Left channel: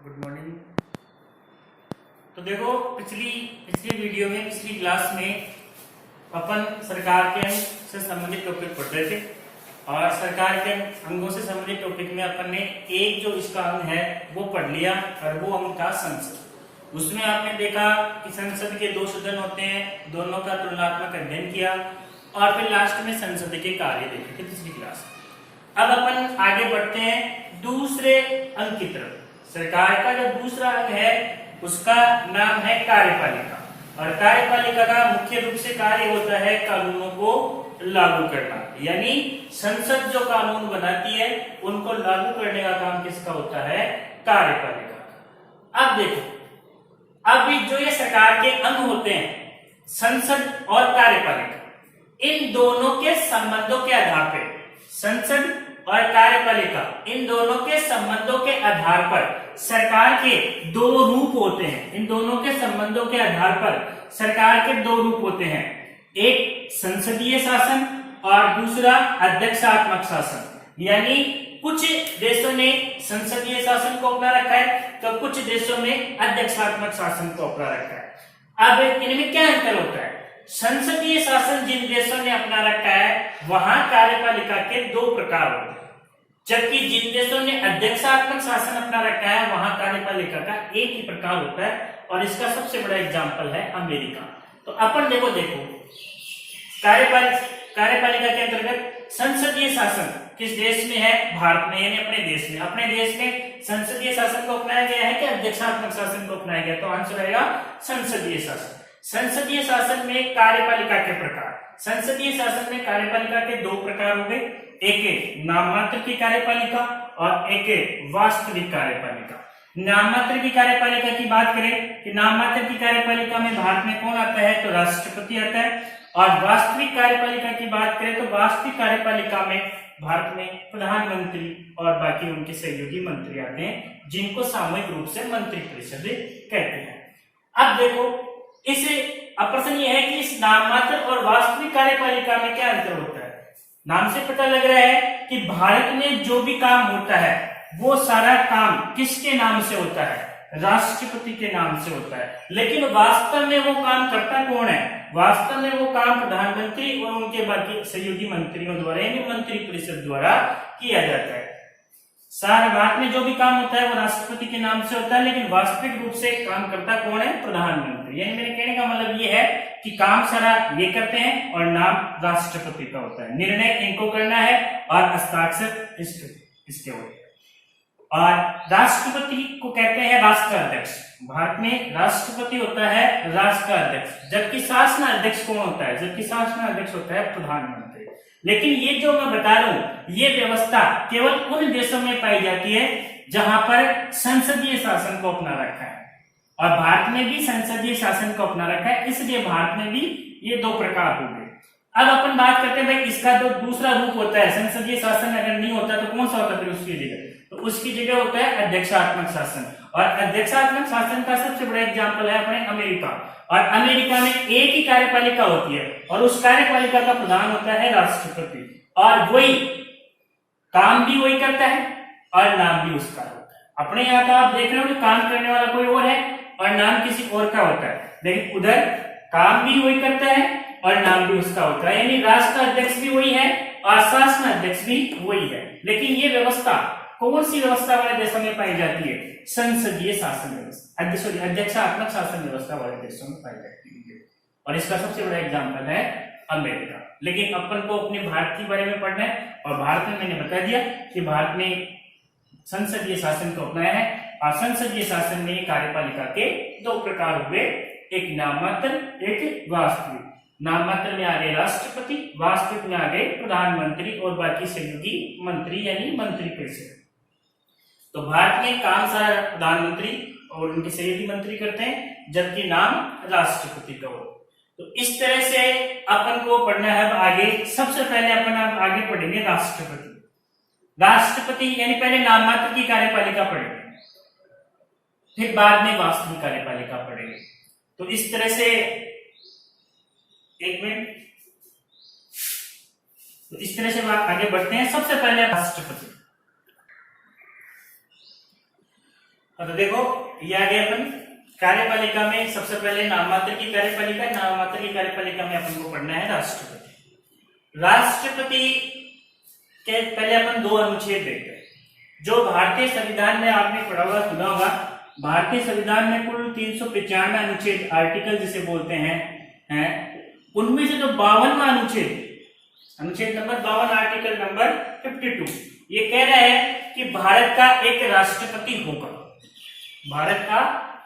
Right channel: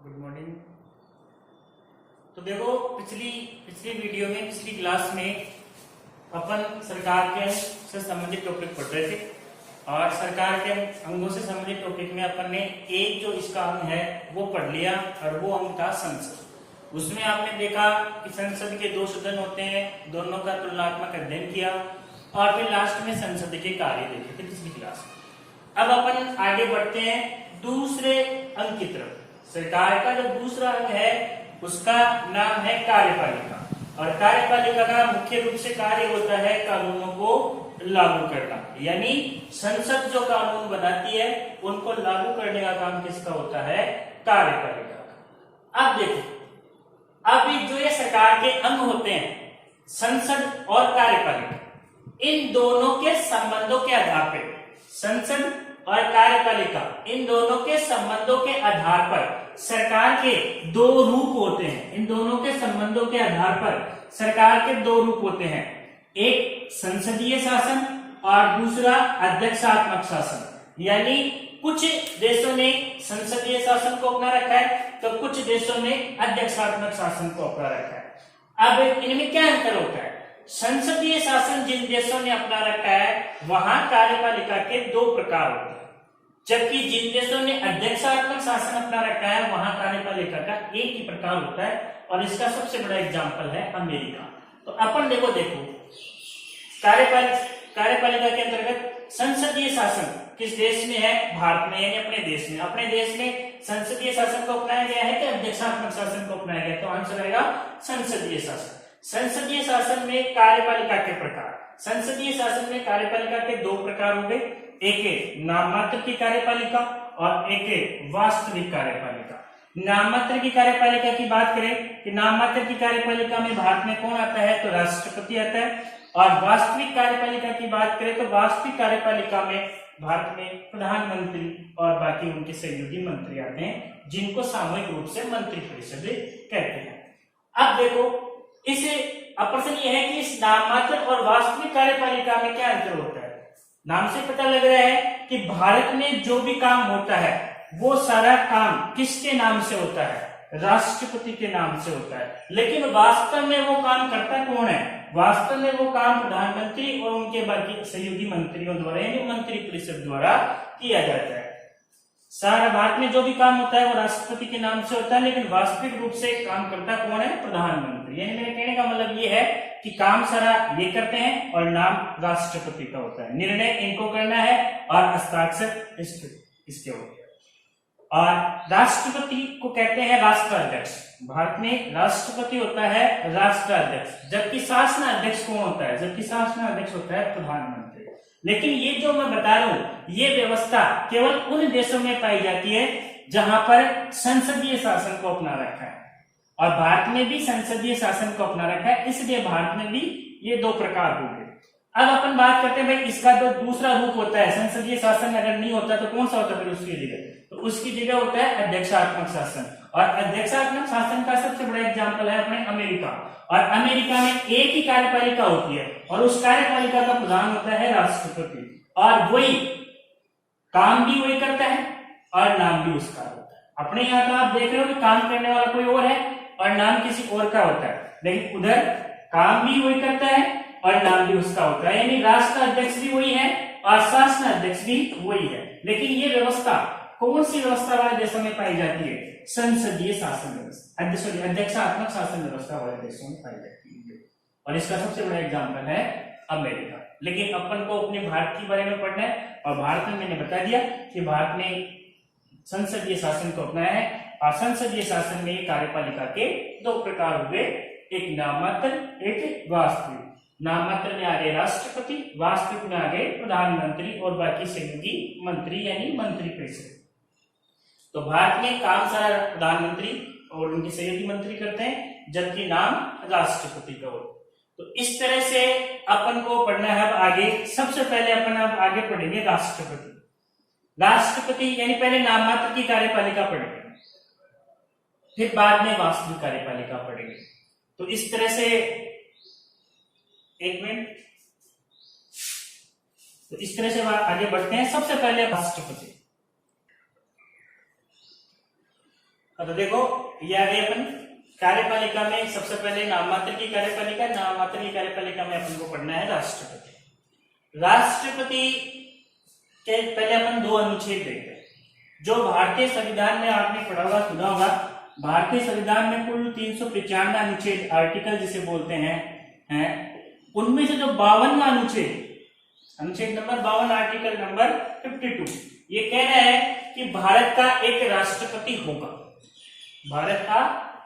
Good morning. तो देखो पिछली पिछली वीडियो में पिछली क्लास में अपन सरकार के अंग से संबंधित टॉपिक पढ़ रहे थे और सरकार के अंगों से संबंधित टॉपिक में अपन ने एक जो इसका अंग है वो पढ़ लिया और वो अंग था संसद। उसमें आपने देखा कि संसद के दो सदन होते हैं, दोनों का तुलनात्मक अध्ययन किया और फिर लास्ट में संसद के कार्य देखे थे पिछली क्लास में। अब अपन आगे बढ़ते हैं दूसरे अंग की तरफ। सरकार का जो दूसरा अंग है उसका नाम है कार्यपालिका और कार्यपालिका का मुख्य रूप से कार्य होता है कानूनों को लागू करना, यानी संसद जो कानून बनाती है उनको लागू करने का काम किसका होता है? कार्यपालिका का। अब देखो, अब जो ये सरकार के अंग होते हैं संसद और कार्यपालिका, इन दोनों के संबंधों के आधार पर संसद और कार्यपालिका इन दोनों के संबंधों के आधार पर सरकार के दो रूप होते हैं। इन दोनों के संबंधों के आधार पर सरकार के दो रूप होते हैं, एक संसदीय शासन और दूसरा अध्यक्षात्मक शासन। यानी कुछ देशों ने संसदीय शासन को अपना रखा है तो कुछ देशों में अध्यक्षात्मक शासन को अपना रखा है। अब इनमें क्या अंतर होता है? संसदीय शासन जिन देशों ने अपना रखा है वहां कार्यपालिका के दो प्रकार होते हैं, जबकि जिन देशों ने अध्यक्षात्मक शासन अपना रखा है वहां कार्यपालिका का एक ही प्रकार होता है और इसका सबसे बड़ा एग्जांपल है अमेरिका। तो अपन देखो कार्यपालिका के अंतर्गत संसदीय शासन किस देश में है? भारत में, यानी अपने देश में। अपने देश में संसदीय शासन को अपनाया गया है कि अध्यक्षात्मक शासन को अपनाया गया? तो आंसर रहेगा संसदीय शासन। संसदीय शासन में कार्यपालिका के प्रकार, संसदीय शासन में कार्यपालिका के दो प्रकार हो गए, एक नाममात्र की कार्यपालिका और एक वास्तविक कार्यपालिका। नाममात्र की कार्यपालिका की बात करें कि नाममात्र की कार्यपालिका में भारत में कौन आता है? तो राष्ट्रपति आता है। और वास्तविक कार्यपालिका की बात करें तो वास्तविक कार्यपालिका में भारत में प्रधानमंत्री और बाकी उनके सहयोगी मंत्री आते हैं, जिनको सामूहिक रूप से मंत्रिपरिषद कहते हैं। अब देखो, इस प्रश्न यह है कि इस नाममात्र और वास्तविक कार्यपालिका में क्या अंतर होता है? नाम से पता लग रहा है कि भारत में जो भी काम होता है वो सारा काम किसके नाम से होता है? राष्ट्रपति के नाम से होता है। लेकिन वास्तव में वो काम करता कौन है? वास्तव में वो काम प्रधानमंत्री और उनके बाकी सहयोगी मंत्रियों द्वारा, यानी मंत्रिपरिषद द्वारा किया जाता है। सारा भारत में जो भी काम होता है वो राष्ट्रपति के नाम से होता है, लेकिन वास्तविक रूप से काम करता कौन है? प्रधानमंत्री। यानी मेरे कहने का मतलब ये है कि काम सारा ये करते हैं और नाम राष्ट्रपति का होता है, निर्णय इनको करना है और हस्ताक्षर इसके होते हैं। और राष्ट्रपति को कहते हैं राष्ट्राध्यक्ष। भारत में राष्ट्रपति होता है राष्ट्राध्यक्ष, जबकि शासनाध्यक्ष कौन होता है? जबकि शासनाध्यक्ष होता है प्रधानमंत्री। लेकिन ये जो मैं बता रहा हूं ये व्यवस्था केवल उन देशों में पाई जाती है जहां पर संसदीय शासन को अपना रखा है, और भारत में भी संसदीय शासन को अपना रखा है, इसलिए भारत में भी ये दो प्रकार हो गए। अब अपन बात करते हैं भाई इसका जो दूसरा रूप होता है, संसदीय शासन अगर नहीं होता तो कौन सा होता है उसकी जगह? तो उसकी जगह होता है अध्यक्षात्मक शासन। और अध्यक्षात्मक शासन का सबसे बड़ा एग्जांपल है अपने अमेरिका। और अमेरिका में एक ही कार्यपालिका होती है और उस कार्यपालिका का प्रधान होता है राष्ट्रपति, और वही काम भी वही करता है और नाम भी उसका होता है। अपने यहाँ का आप देख रहे हो कि काम करने वाला कोई और है और नाम किसी और का होता है, लेकिन उधर काम भी वही करता है और नाम भी उसका होता है, यानी राष्ट्राध्यक्ष भी वही है और शासनाध्यक्ष भी वही है। लेकिन ये व्यवस्था कौन सी व्यवस्था वाले देशों में पाई जाती है? संसदीय शासन व्यवस्था, अध्यक्षात्मक शासन व्यवस्था वाले देशों में पाई जाती है। और इसका सबसे बड़ा एग्जांपल है अमेरिका। लेकिन अपन को अपने भारत के बारे में पढ़ना है और भारत में मैंने बता दिया कि भारत में संसदीय शासन को अपनाया है और संसदीय शासन में कार्यपालिका के दो प्रकार हुए, एक नाममात्र एक वास्तविक। नाममात्र में आ गए राष्ट्रपति, वास्तविक में आ गए प्रधानमंत्री और बाकी सहयोगी मंत्री यानी मंत्रिपरिषद। तो भारत में काम सारा प्रधानमंत्री और उनके सहयोगी मंत्री करते हैं, जबकि नाम राष्ट्रपति का हो। तो इस तरह से अपन को पढ़ना है आगे। सबसे पहले अपन आगे पढ़ेंगे राष्ट्रपति। राष्ट्रपति यानी पहले नाममात्र की कार्यपालिका पढ़ेंगे, फिर बाद में वास्तविक कार्यपालिका पढ़ेंगे। तो इस तरह से एक मिनट, तो इस तरह से आगे बढ़ते हैं। सबसे पहले राष्ट्रपति। तो देखो ये आ गया अपन कार्यपालिका में सबसे पहले नाममात्र की कार्यपालिका, नाममात्र की कार्यपालिका में अपन को पढ़ना है राष्ट्रपति। राष्ट्रपति के पहले अपन दो अनुच्छेद देखते हैं। जो भारतीय संविधान में आपने पढ़ा हुआ सुना होगा, भारतीय संविधान में कुल 395 अनुच्छेद आर्टिकल जिसे बोलते हैं उनमें से जो 52वां अनुच्छेद नंबर 52 आर्टिकल नंबर 52 ये कह रहा है कि भारत का एक राष्ट्रपति होगा, भारत का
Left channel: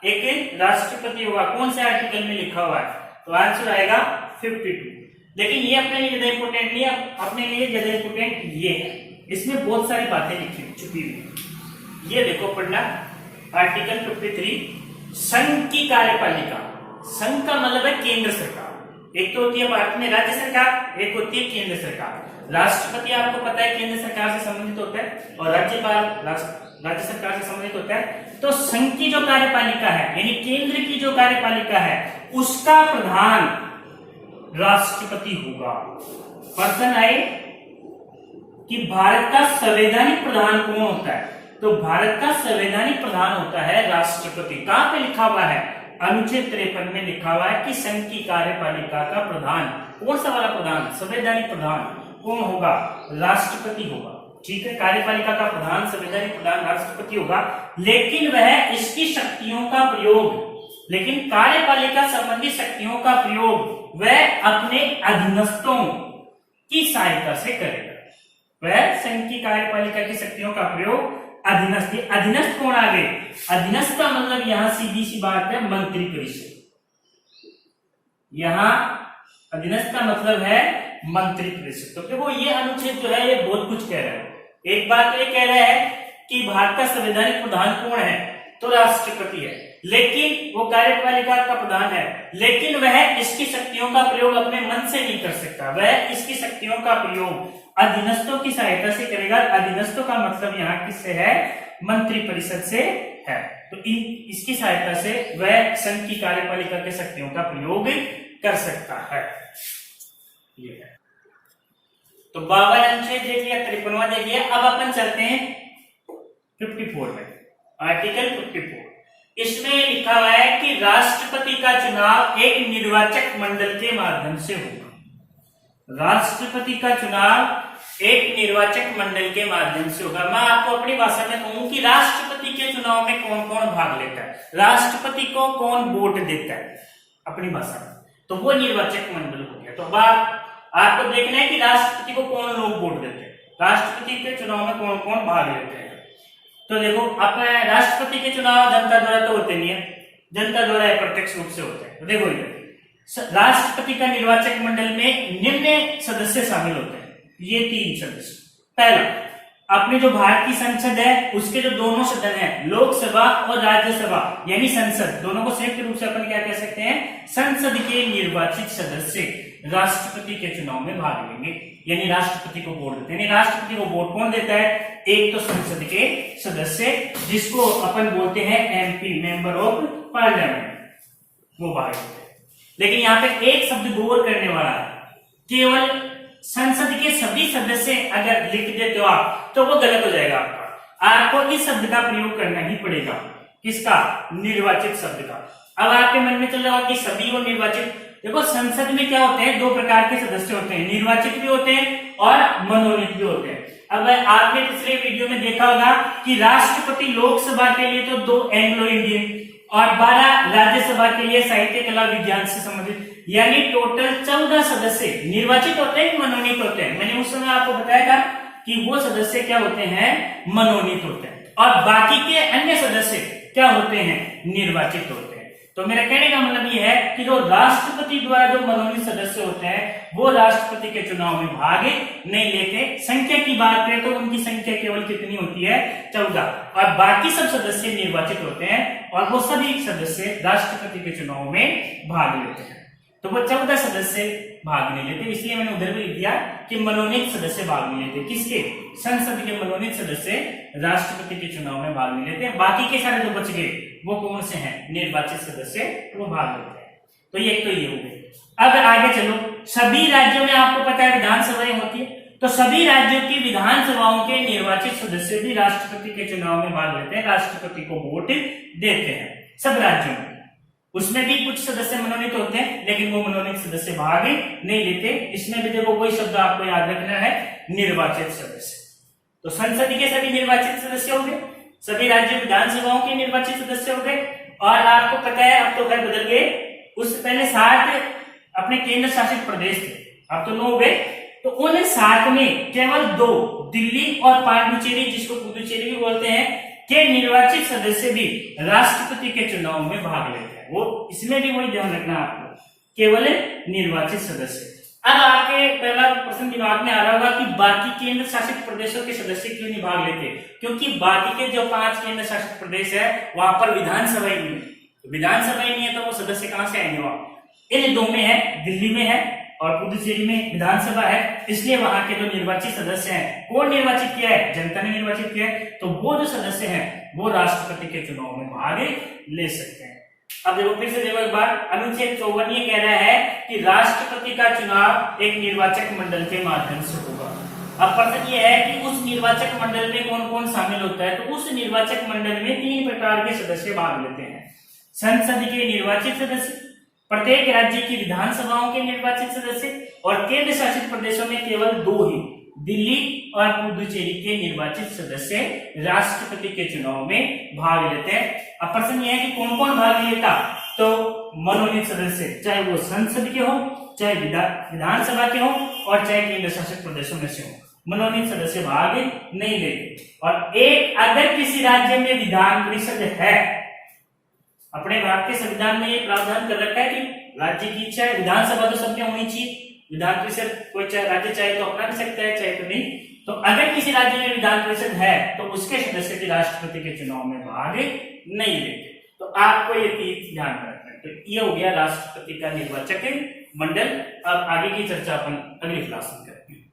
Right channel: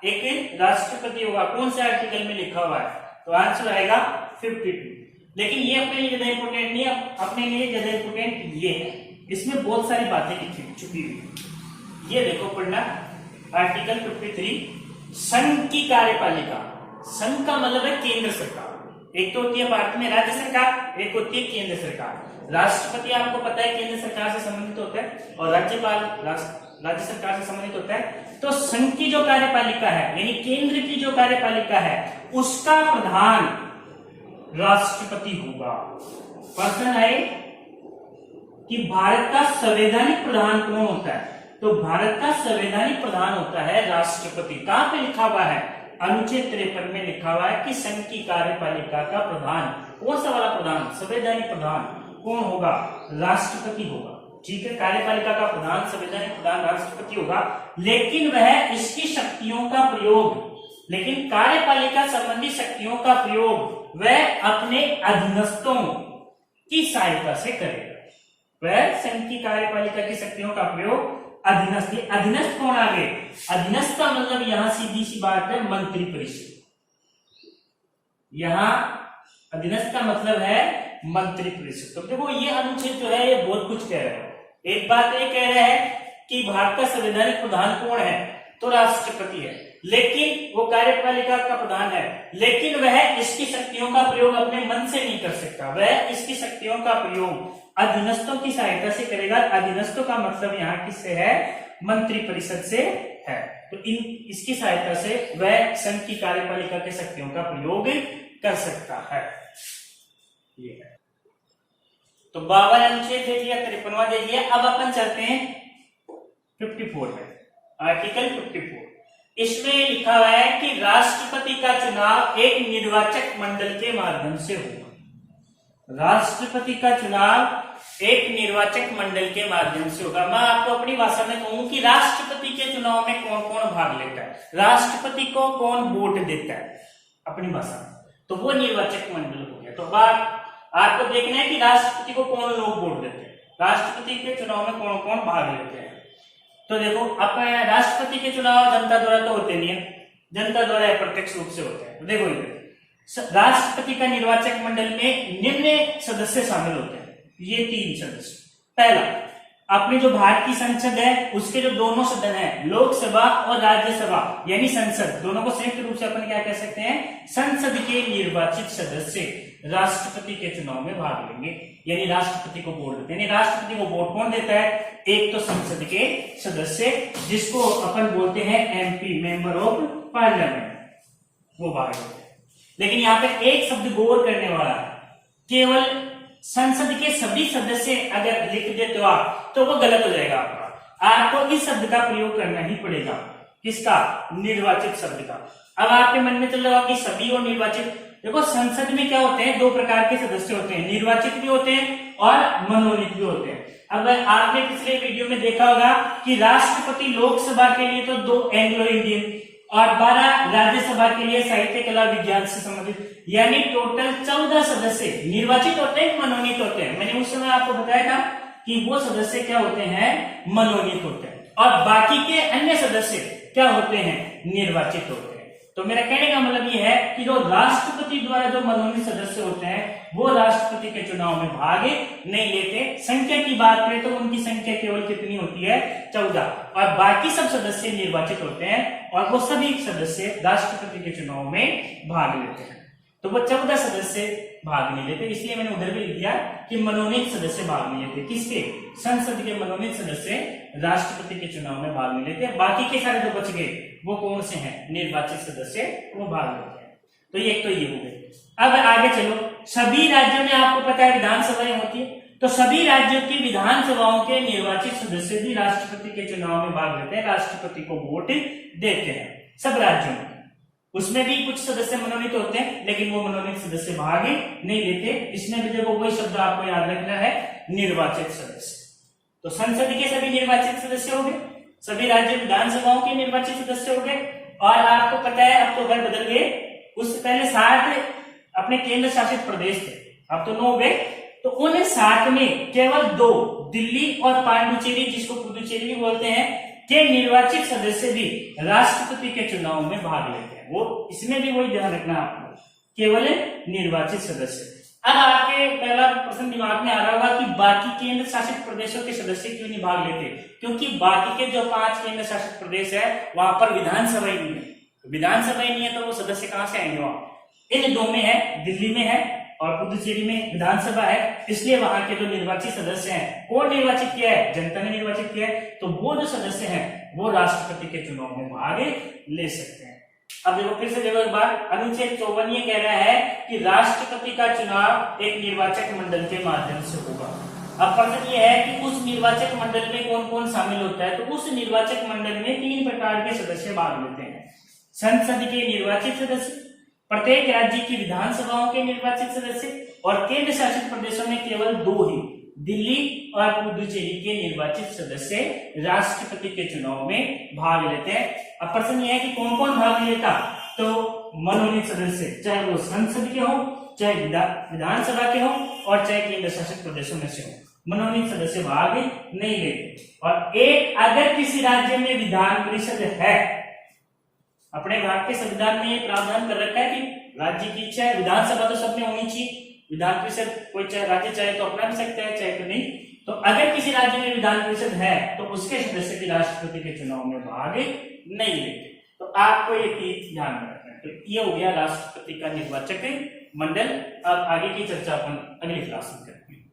एक राष्ट्रपति होगा। कौन से आर्टिकल में लिखा हुआ है? तो आंसर आएगा 52। लेकिन ये अपने लिए ज्यादा इंपोर्टेंट नहीं है, अपने लिए ज्यादा इंपोर्टेंट ये है, इसमें बहुत सारी बातें लिखी छुपी हुई। ये देखो पढ़ना आर्टिकल 53 संघ की कार्यपालिका। संघ का मतलब है केंद्र सरकार। एक तो होती है भारत में राज्य सरकार, एक होती है केंद्र सरकार। राष्ट्रपति आपको पता है केंद्र सरकार से संबंधित होता है और राज्यपाल राज्य सरकार से संबंधित होता है। तो संघ की जो कार्यपालिका है यानी केंद्र की जो कार्यपालिका है उसका प्रधान राष्ट्रपति होगा। प्रश्न आए कि भारत का संवैधानिक प्रधान कौन होता है? तो भारत का संवैधानिक प्रधान होता है राष्ट्रपति। कहां पे लिखा हुआ है? अनुच्छेद 53 में लिखा हुआ है कि संघ की कार्यपालिका का प्रधान, कौन सा वाला प्रधान? संवैधानिक प्रधान कौन होगा? राष्ट्रपति होगा। ठीक है, कार्यपालिका का प्रधान संवैधानिक प्रधान राष्ट्रपति होगा, लेकिन वह इसकी शक्तियों का प्रयोग, लेकिन कार्यपालिका संबंधी शक्तियों का प्रयोग वह अपने अधीनस्थों की सहायता से करेगा। वह संघ की कार्यपालिका की शक्तियों का प्रयोग अधीनस्थ, अधीनस्थ कौन आ गए? अधीनस्थ का मतलब यहां सीधी सी बात है मंत्री परिषद। यहां अधीनस्थ का मतलब है मंत्री परिषद। तो देखो ये अनुच्छेद जो है ये बहुत कुछ कह रहा है। एक बात ये कह रहा है कि भारत का संवैधानिक प्रधान कौन है? तो राष्ट्रपति है, लेकिन वो कार्यपालिका का प्रधान है, लेकिन वह इसकी शक्तियों का प्रयोग अपने मन से नहीं कर सकता। वह इसकी शक्तियों का प्रयोग अधीनस्थों की सहायता से करेगा। अधीनस्थों का मतलब यहाँ किससे है? मंत्री परिषद से है। तो इसकी सहायता से वह संघ की कार्यपालिका की शक्तियों का प्रयोग कर सकता है। ये है तो 52 अनुच्छेद देख लिया, 53वां देख लिया। अब अपन चलते हैं 54 में, आर्टिकल 54। इसमें लिखा हुआ है कि राष्ट्रपति का चुनाव एक निर्वाचक मंडल के माध्यम से होगा। राष्ट्रपति का चुनाव एक निर्वाचक मंडल के माध्यम से होगा। मैं आपको अपनी भाषा में कहूं कि राष्ट्रपति के चुनाव में कौन कौन भाग लेता है, राष्ट्रपति को कौन वोट देता है अपनी भाषा में, तो वो निर्वाचक मंडल हो गया। तो अब आपको देखना है कि राष्ट्रपति को कौन लोग वोट देते हैं, राष्ट्रपति के चुनाव में कौन कौन भाग लेते हैं। तो देखो अपने राष्ट्रपति के चुनाव जनता द्वारा तो होते नहीं है, जनता द्वारा अप्रत्यक्ष रूप से होते हैं। तो देखो इधर राष्ट्रपति का निर्वाचक मंडल में निम्न सदस्य शामिल होते हैं। ये 3 सदस्य। पहला, अपने जो भारत की संसद है उसके जो दोनों सदन है, लोकसभा और राज्यसभा यानी संसद, दोनों को संयुक्त रूप से अपन क्या कह सकते हैं? संसद के निर्वाचित सदस्य राष्ट्रपति के चुनाव में भाग लेंगे, यानी राष्ट्रपति को वोट देते हैं। राष्ट्रपति को वोट कौन देता है? एक तो संसद के सदस्य जिसको अपन बोलते हैं एमपी, मेंबर ऑफ पार्लियामेंट, वो भाग लेते हैं। लेकिन यहाँ पे एक शब्द गौर करने वाला है, केवल संसद के सभी सदस्य अगर लिख देते हो आप तो वो गलत हो जाएगा। आपको इस शब्द का प्रयोग करना ही पड़ेगा। किसका? निर्वाचित शब्द का। अब आपके मन में चल रहा होगा कि सभी और निर्वाचित। देखो संसद में क्या होते हैं? 2 प्रकार के सदस्य होते हैं, निर्वाचित भी होते हैं और मनोनीत भी होते हैं। अब आपने पिछले वीडियो में देखा होगा कि राष्ट्रपति लोकसभा के लिए तो 2 एंग्लो इंडियन और 12 राज्यसभा के लिए साहित्य कला विज्ञान से संबंधित, यानी टोटल 14 सदस्य निर्वाचित होते हैं, मनोनीत होते हैं। मैंने उस समय आपको बताया था कि वो सदस्य क्या होते हैं? मनोनीत होते हैं, और बाकी के अन्य सदस्य क्या होते हैं? निर्वाचित होते हैं। तो मेरा कहने का मतलब ये है कि जो राष्ट्रपति द्वारा जो मनोनीत सदस्य होते हैं वो राष्ट्रपति के चुनाव में भाग नहीं लेते। संख्या की बात करें तो उनकी संख्या केवल कितनी होती है? 14, और बाकी सब सदस्य निर्वाचित होते हैं और वो सभी सदस्य राष्ट्रपति के चुनाव में भाग लेते हैं। तो वो 14 सदस्य भाग नहीं लेते, इसलिए मैंने उधर भी लिख दिया कि मनोनीत सदस्य भाग नहीं लेते। किसके? संसद के मनोनीत सदस्य राष्ट्रपति के चुनाव में भाग नहीं लेते। बाकी के सारे जो बच गए वो कौन से हैं? निर्वाचित सदस्य, वो भाग लेते हैं। तो ये हो गए। अब आगे चलो, सभी राज्यों में आपको पता है विधानसभाएं होती है, तो सभी राज्यों की विधानसभाओं के निर्वाचित सदस्य भी राष्ट्रपति के चुनाव में भाग लेते हैं, राष्ट्रपति को वोट देते हैं सब राज्यों में। उसमें भी कुछ सदस्य मनोनीत होते हैं, लेकिन वो मनोनीत सदस्य भाग नहीं लेते। इसमें भी देखो वही शब्द आपको याद रखना है, निर्वाचित सदस्य। तो संसद के सभी निर्वाचित सदस्य हो गए, सभी राज्य विधानसभाओं के निर्वाचित सदस्य हो गए। और आपको पता है अब तो घर बदल गए, उससे पहले 60 अपने केंद्र शासित प्रदेश थे, अब तो 9 हो गए। तो उन 60 में केवल 2, दिल्ली और पांडुचेरी, जिसको पुदुचेरी भी बोलते हैं, के निर्वाचित सदस्य भी राष्ट्रपति के चुनाव में भाग लेते हैं। वो इसमें भी वही ध्यान रखना आपको, केवल निर्वाचित सदस्य। अब आपके पहला प्रश्न दिमाग में आ रहा होगा कि बाकी केंद्र शासित प्रदेशों के सदस्य क्यों नहीं भाग लेते? क्योंकि बाकी के जो 5 केंद्र शासित प्रदेश है वहां पर विधानसभा ही नहीं है। तो विधानसभा ही नहीं है तो वो सदस्य कहां से आएंगे? वहां इन 2 में है, दिल्ली में है और पुदुचेरी में विधानसभा है, इसलिए वहां के जो निर्वाचित सदस्य हैं, कौन निर्वाचित किया है? जनता ने निर्वाचित किया है। तो वो जो सदस्य हैं वो राष्ट्रपति के चुनाव में भाग ले सकते हैं। अब देखो फिर से देखो एक बार, अनुच्छेद 54 ये कह रहा है कि राष्ट्रपति का चुनाव एक निर्वाचक मंडल के माध्यम से होगा। अब प्रश्न ये है कि उस निर्वाचक मंडल में कौन कौन शामिल होता है? तो उस निर्वाचक मंडल में 3 प्रकार के सदस्य भाग लेते हैं। संसद के निर्वाचित सदस्य, प्रत्येक राज्य की विधानसभाओं के निर्वाचित सदस्य, और केंद्र शासित प्रदेशों में केवल 2 ही, दिल्ली और पुदुचेरी के निर्वाचित सदस्य राष्ट्रपति के चुनाव में भाग लेते हैं। अब प्रश्न यह है कि कौन कौन भाग लेता? तो मनोनीत सदस्य, चाहे वो संसद के हो, चाहे विधानसभा के हो और चाहे केंद्र शासित प्रदेशों में से हो, मनोनीत सदस्य भाग नहीं लेते। और एक, अगर किसी राज्य में विधान परिषद है, अपने भारत के संविधान में ये प्रावधान कर रखा है कि राज्य की इच्छा है, विधानसभा तो सबने होनी चाहिए, विधान परिषद कोई चाहे राज्य चाहे तो अपना भी सकता है, चाहे तो नहीं। तो अगर किसी राज्य में विधान परिषद है तो उसके सदस्य भी राष्ट्रपति के चुनाव में भाग नहीं लेते। तो आपको ये 3 ध्यान में रखना है। तो ये हो गया राष्ट्रपति का निर्वाचक मंडल। अब आगे की चर्चा अपन अगली क्लास में करते हैं।